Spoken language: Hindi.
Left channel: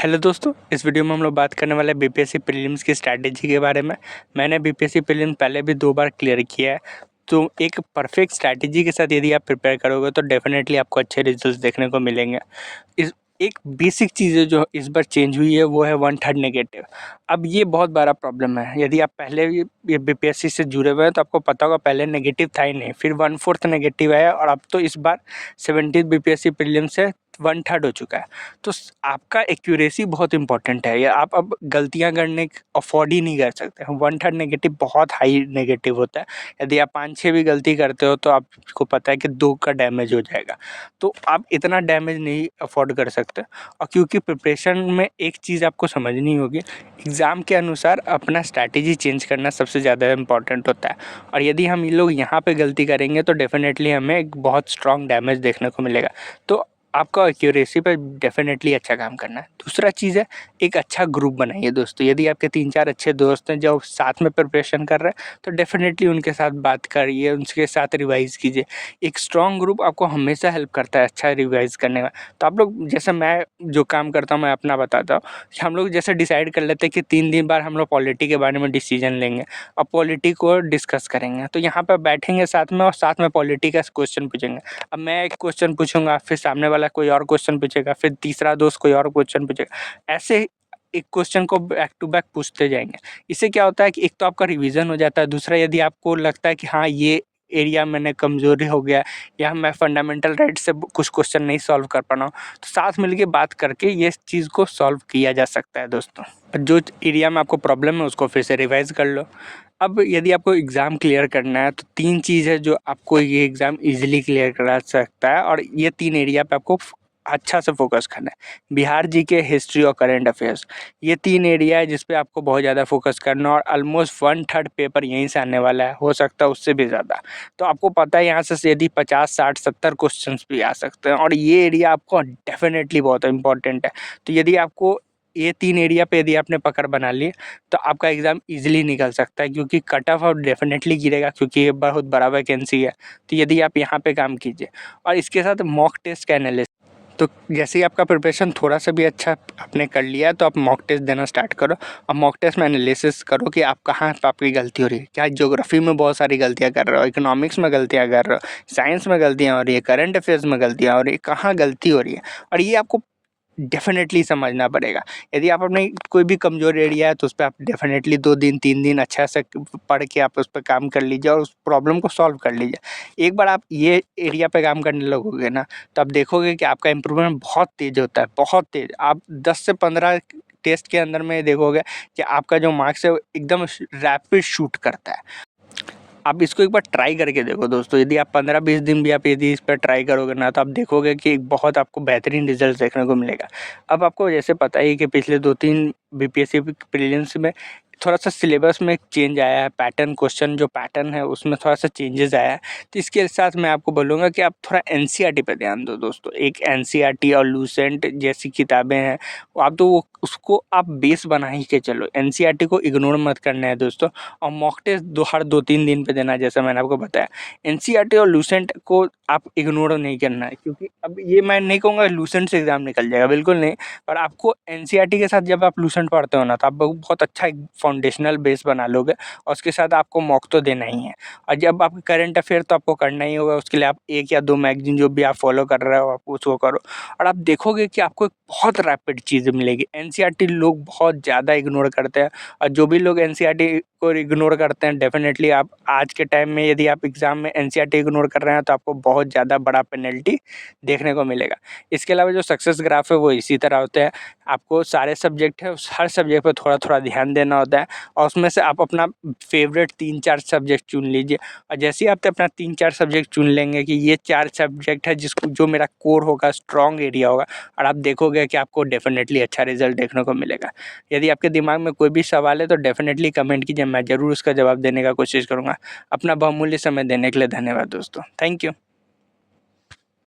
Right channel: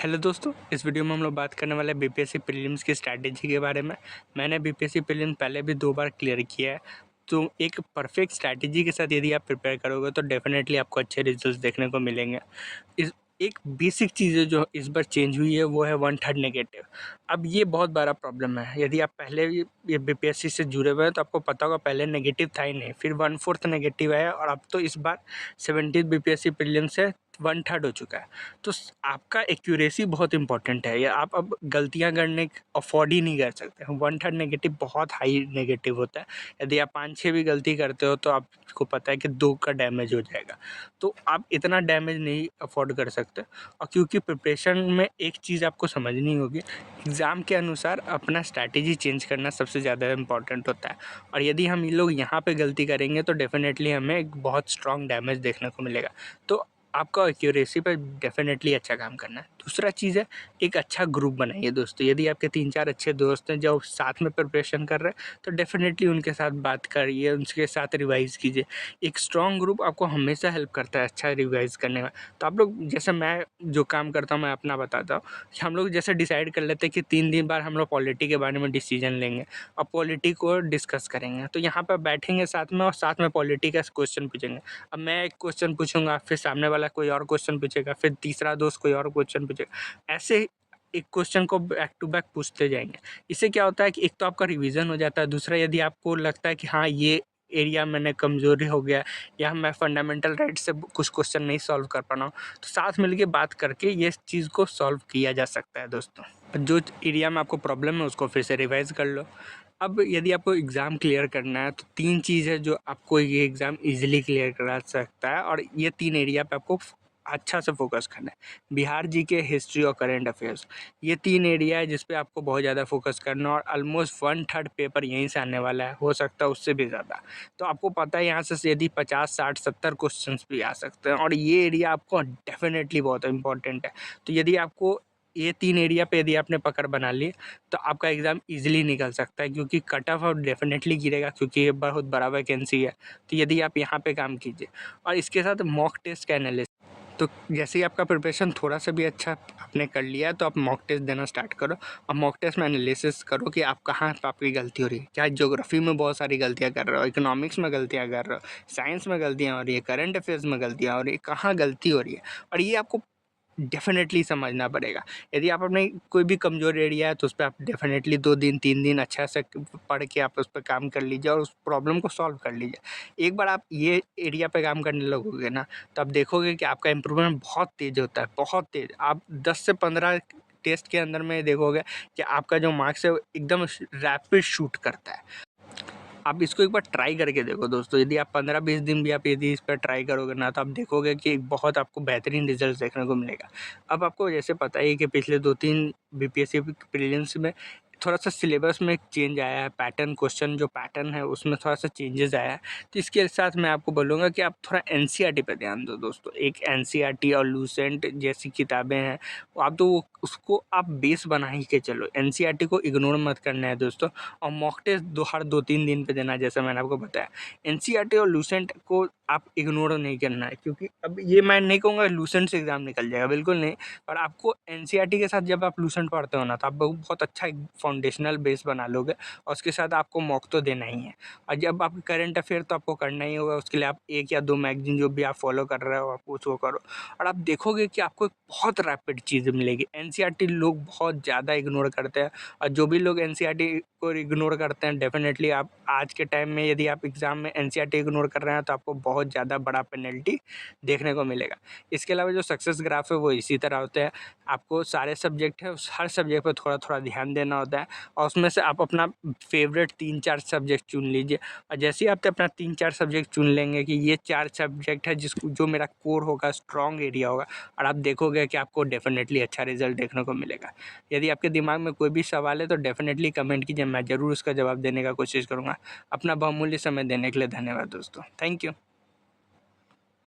हेलो दोस्तों, इस वीडियो में हम लोग बात करने वाले हैं बीपीएससी प्रीलिम्स की स्ट्रैटेजी के बारे में। मैंने बीपीएससी प्रीलिम्स पहले भी 2 बार क्लियर किया है, तो एक परफेक्ट स्ट्रैटेजी के साथ यदि आप प्रिपेयर करोगे तो डेफिनेटली आपको अच्छे रिजल्ट्स देखने को मिलेंगे। इस एक बेसिक चीज़ है जो इस बार चेंज हुई है वो है 1/3 नेगेटिव। अब ये बहुत बड़ा प्रॉब्लम है। यदि आप पहले ये बीपीएससी से जुड़े हुए हैं तो आपको पता होगा पहले नेगेटिव था ही नहीं, फिर 1/4 नेगेटिव आया और अब तो इस बार 17th बीपीएससी प्रीलिम्स से 1/3 हो चुका है। तो आपका एक्यूरेसी बहुत इंपॉर्टेंट है, या आप अब गलतियां करने अफोर्ड ही नहीं कर सकते। 1/3 नेगेटिव बहुत हाई नेगेटिव होता है। यदि आप 5-6 भी गलती करते हो तो आपको पता है कि 2 का डैमेज हो जाएगा। तो आप इतना डैमेज नहीं अफोर्ड कर सकते। और क्योंकि प्रिपरेशन में एक चीज़ आपको समझनी होगी, एग्ज़ाम के अनुसार अपना स्ट्रैटेजी चेंज करना सबसे ज़्यादा इम्पॉर्टेंट होता है। और यदि हम ये लोग यहाँ पे गलती करेंगे तो डेफिनेटली हमें एक बहुत स्ट्रॉन्ग डैमेज देखने को मिलेगा। तो आपका एक्यूरेसी पे डेफिनेटली अच्छा काम करना है। दूसरा चीज़ है, एक अच्छा ग्रुप बनाइए दोस्तों। यदि आपके 3-4 अच्छे दोस्त हैं जो साथ में प्रिपरेशन कर रहे हैं तो डेफिनेटली उनके साथ बात करिए, उनके साथ रिवाइज़ कीजिए। एक स्ट्रॉन्ग ग्रुप आपको हमेशा हेल्प करता है अच्छा रिवाइज़ करने में। तो आप लोग, जैसे मैं जो काम करता हूँ मैं अपना बताता हूँ, हम लोग जैसे डिसाइड कर लेते हैं कि 3 दिन बाद हम लोग पॉलिटी के बारे में डिसीजन लेंगे और पॉलिटी को डिस्कस करेंगे। तो यहाँ पर बैठेंगे साथ में और साथ में पॉलिटी का क्वेश्चन पूछेंगे। अब मैं एक क्वेश्चन पूछूंगा, फिर सामने वाला कोई और क्वेश्चन पूछेगा, फिर तीसरा दोस्त कोई और क्वेश्चन पूछेगा। ऐसे एक क्वेश्चन को बैक टू बैक पूछते जाएंगे। इससे क्या होता है कि एक तो आपका रिवीजन हो जाता है, दूसरा यदि आपको लगता है कि हाँ ये एरिया मैंने कमज़ोरी हो गया या मैं फंडामेंटल राइट से कुछ क्वेश्चन नहीं सॉल्व कर पा रहा हूँ, तो साथ मिलके बात करके ये चीज़ को सॉल्व किया जा सकता है दोस्तों। जो एरिया में आपको प्रॉब्लम है उसको फिर से रिवाइज कर लो। अब यदि आपको एग्ज़ाम क्लियर करना है तो 3 चीज़ है जो आपको ये एग्ज़ाम ईज़िली क्लियर करा सकता है, और ये 3 एरिया पे आपको अच्छा से फोकस करना है। बिहार जीके, हिस्ट्री और करंट अफेयर्स, ये 3 एरिया है जिस पे आपको बहुत ज़्यादा फोकस करना है, और ऑलमोस्ट 1/3 पेपर यहीं से आने वाला है, हो सकता है उससे भी ज़्यादा। तो आपको पता है यहाँ से यदि 50, 60, 70 क्वेश्चंस भी आ सकते हैं, और ये एरिया आपको डेफिनेटली बहुत इंपॉर्टेंट है। तो यदि आपको ये 3 एरिया पे यदि आपने पकड़ बना ली तो आपका एग्ज़ाम ईज़िली निकल सकता है, क्योंकि कट ऑफ डेफिनेटली गिरेगा क्योंकि ये बहुत बड़ा वैकेंसी है। तो यदि आप यहाँ पे काम कीजिए और इसके साथ मॉक टेस्ट का एनालिसिस, तो जैसे ही आपका प्रिपरेशन थोड़ा सा भी अच्छा आपने कर लिया है तो आप मॉक टेस्ट देना स्टार्ट करो, और मॉक टेस्ट में एनालिसिस करो कि आप कहाँ पे आपकी गलती हो रही है। क्या ज्योग्राफी में बहुत सारी गलतियाँ कर रहे हो, इकोनॉमिक्स में गलतियाँ कर रहे हो, साइंस में गलतियाँ हो रही है, करंट अफेयर्स में गलतियाँ हो रही है, कहाँ गलती हो रही है, और ये आपको डेफ़िनेटली समझना पड़ेगा। यदि आप अपने कोई भी कमज़ोर एरिया है तो उस पे आप डेफ़िनेटली 2 दिन 3 दिन अच्छा से पढ़ के आप उस पे काम कर लीजिए और उस प्रॉब्लम को सॉल्व कर लीजिए। एक बार आप ये एरिया पे काम करने लगोगे ना, तो आप देखोगे कि आपका इम्प्रूवमेंट बहुत तेज़ होता है, बहुत तेज़। आप 10 से 15 टेस्ट के अंदर में देखोगे कि आपका जो मार्क्स है वो एकदम रैपिड शूट करता है। आप इसको एक बार ट्राई करके देखो दोस्तों। यदि आप 15-20 दिन भी आप यदि इस पर ट्राई करोगे ना, तो आप देखोगे कि बहुत आपको बेहतरीन रिजल्ट देखने को मिलेगा। अब आपको जैसे पता ही है कि पिछले 2-3 बीपीएससी प्रीलिम्स में थोड़ा-सा सिलेबस में एक चेंज आया है, पैटर्न क्वेश्चन जो पैटर्न है उसमें थोड़ा-सा चेंजेस आया है। तो इसके साथ मैं आपको बोलूँगा कि आप थोड़ा एनसीईआरटी पे ध्यान दो दोस्तों। एक एनसीईआरटी और लूसेंट जैसी किताबें हैं, आप तो उसको आप बेस बना ही के चलो। एनसीईआरटी को इग्नोर मत करना है दोस्तों, और मॉक टेस्ट हर 2-3 दिन पे देना है, जैसा मैंने आपको बताया। एनसीईआरटी और लूसेंट को आप इग्नोर नहीं करना है, क्योंकि अब ये मैं नहीं कहूँगा लूसेंट से एग्ज़ाम निकल जाएगा, बिल्कुल नहीं। पर आपको एनसीईआरटी के साथ जब आप लूसेंट पढ़ते हो ना, तो आप बहुत अच्छा एक फाउंडेशनल बेस बना लोगे, और उसके साथ आपको मॉक तो देना ही है। और जब आप करंट अफेयर तो आपको करना ही होगा, उसके लिए आप 1 या 2 मैगज़ीन जो भी आप फॉलो कर रहे हो आप उसको करो, और आप देखोगे कि आपको एक बहुत रैपिड चीज़ मिलेगी। एनसीईआरटी लोग बहुत ज़्यादा इग्नोर करते हैं, और जो भी लोग एनसीईआरटी को इग्नोर करते हैं, डेफिनेटली आप आज के टाइम में यदि आप एग्ज़ाम में एनसीईआरटी इग्नोर कर रहे हैं तो आपको बहुत ज़्यादा बड़ा पेनल्टी देखने को मिलेगा। इसके अलावा जो सक्सेस ग्राफ है वो इसी तरह होते हैं। आपको सारे सब्जेक्ट है, उस हर सब्जेक्ट पे थोड़ा-थोड़ा ध्यान देना होता है, और उसमें से आप अपना फ़ेवरेट 3-4 सब्जेक्ट चुन लीजिए। और जैसे ही आप अपना 3-4 सब्जेक्ट चुन लेंगे कि ये 4 सब्जेक्ट है जिसको जो मेरा कोर होगा, स्ट्रॉन्ग एरिया होगा, और आप देखोगे कि आपको डेफिनेटली अच्छा रिज़ल्ट देखने को मिलेगा। यदि आपके दिमाग में कोई भी सवाल है तो डेफिनेटली कमेंट कीजिए, मैं ज़रूर उसका जवाब देने का कोशिश करूँगा। अपना बहुमूल्य समय देने के लिए धन्यवाद दोस्तों। Thank you.